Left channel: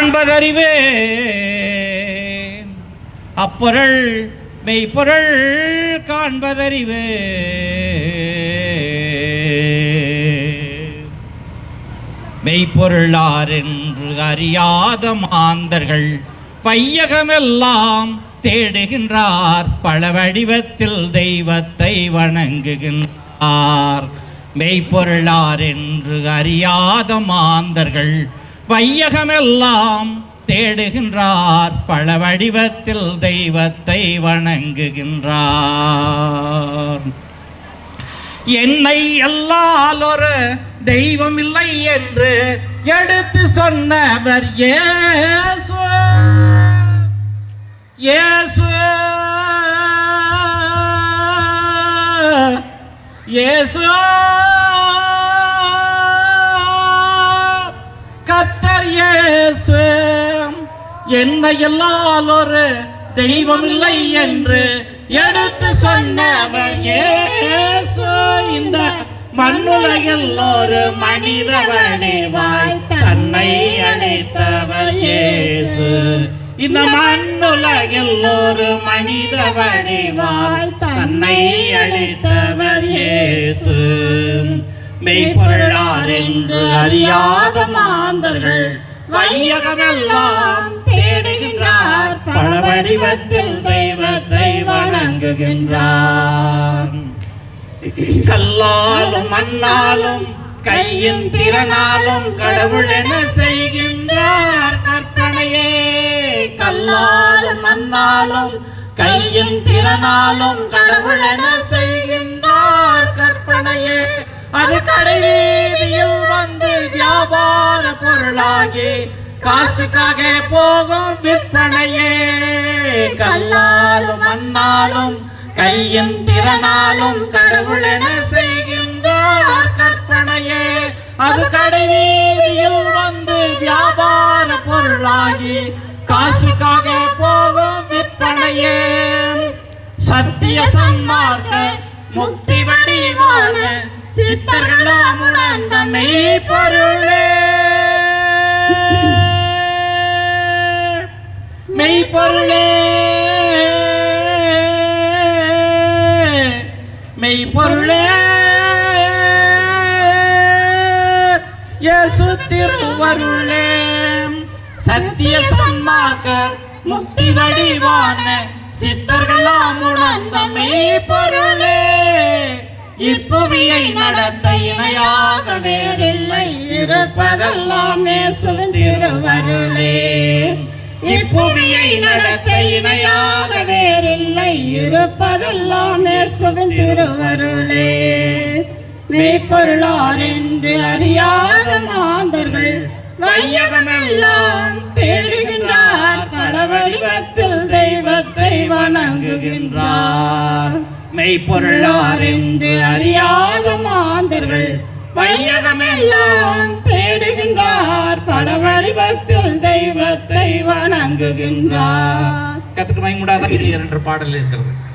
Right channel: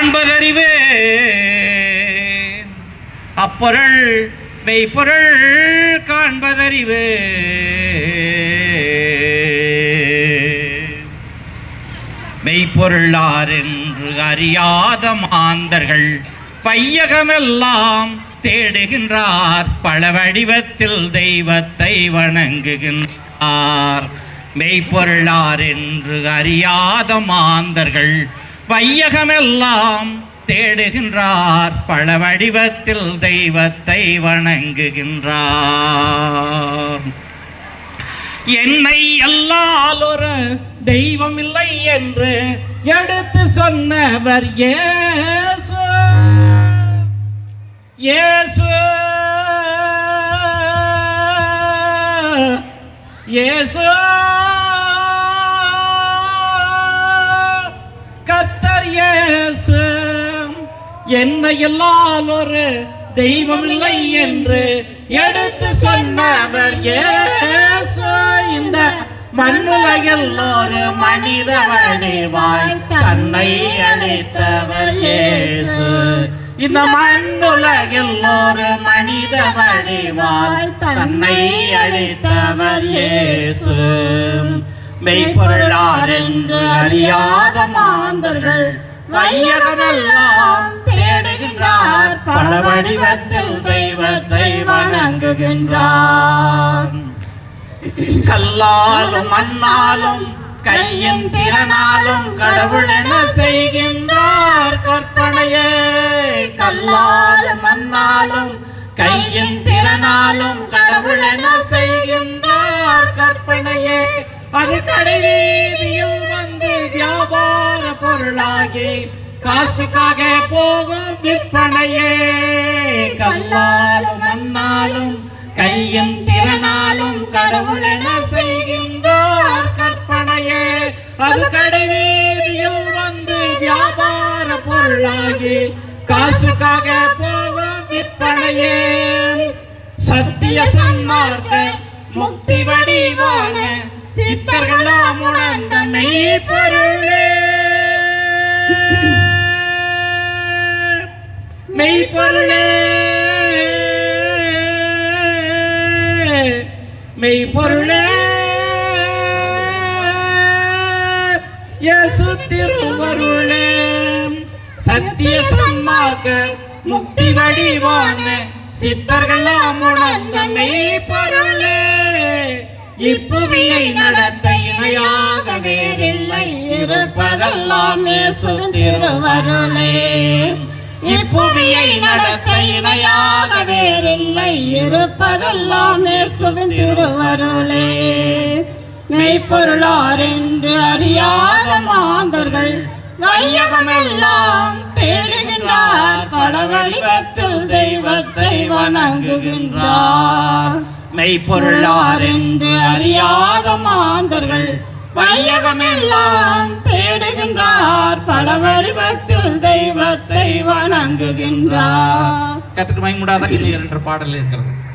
காண்பதறிவே அப்பொருள் மெய்ப்பொருள் காண்பதறிவே. மெய்ப்பொருளார் என்று அறியாத மாந்தர்கள் பையகமெல்லாம் தேடுகின்றார், பல வடிவத்தில் தெய்வத்தை வணங்குகின்றார். மெய்ப்பொருளார் என்று அறியாத மாந்தர்கள் வையகமெல்லாம் தேடுகின்றார், பல வடிவத்தில் தெய்வத்தை வணங்குகின்றார். என்னை அல்லால் ஒரு தெய்வம் இல்லை என்று எடுத்து சொன்னவர் இயேசு. இயேசு இயேசு கர்த்தர் இயேசு. என்னை அல்லால் ஒரு தெய்வம் இல்லை என்று எடுத்து சொன்னவர் இயேசு. இந்த மண்ணுலகில் ஒரு மனித வடிவாய் தன்னை அளித்தவர் இயேசு. இந்த மண்ணுலகில் ஒரு மனித வடிவாய் தன்னை அளித்தவர் இயேசு. மெய்ப்பொருளார் என்று அறியாத மாந்தர்கள் வையகமெல்லாம் தேடுகின்றார், பல வடிவத்தில் தெய்வத்தை வணங்குகின்றார். கல்லாலும் மண்ணாலும் கையின் திறனாலும் கடவுள் என செய்கின்றார் கற்பனையே. கல்லாலும் மண்ணாலும் கையின் திறனாலும் கடவுள் என செய்கின்றார் கற்பனையே. அது கடைவீதியில் வந்து வியாபார பொருளாகி காசுக்காக போகும் விற்பனையே. கல்லாலும் மண்ணாலும் கையின் திறனாலும் கடவுள் என செய்கின்றார் கற்பனையே. அது கடைவீதியில் வந்து வியாபார பொருளாகி காசுக்காக போகும் விற்பனையே. சத்திய சன்மார்க்க முக்தி வடிவான சித்தர்களாம் உணர்ந்த மெய்ப்பொருளே. மெய்ப்பொருளே மெய்ப்பொருளே இயேசு திருவருளே. சத்திய சன்மார்க்க முக்தி வடிவான சித்தர்களாம் உணர்ந்த மெய்ப்பொருளே. இப்புவியை நடத்த இணையாக வேறில்லை, இருப்பதெல்லாம் இயேசு திருவருளே. இப்புவியை நடத்த இணையாக வேறில்லை, இருப்பதெல்லாம் இயேசுவின் திருவருளே. மெய்ப்பொருளார் என்று அறியாத மாந்தர்கள் வையகமெல்லாம் தேடுகின்றார், பல வடிவத்தில் தெய்வத்தை வணங்குகின்றார். மெய்ப்பொருளார் என்று அறியாத மாந்தர்கள் வையகமெல்லாம் தேடுகின்றார், பல வடிவத்தில் தெய்வத்தை வணங்குகின்றார். கத்துக்கு மயங்கூடாத 2 பாடல் இருக்கிறது.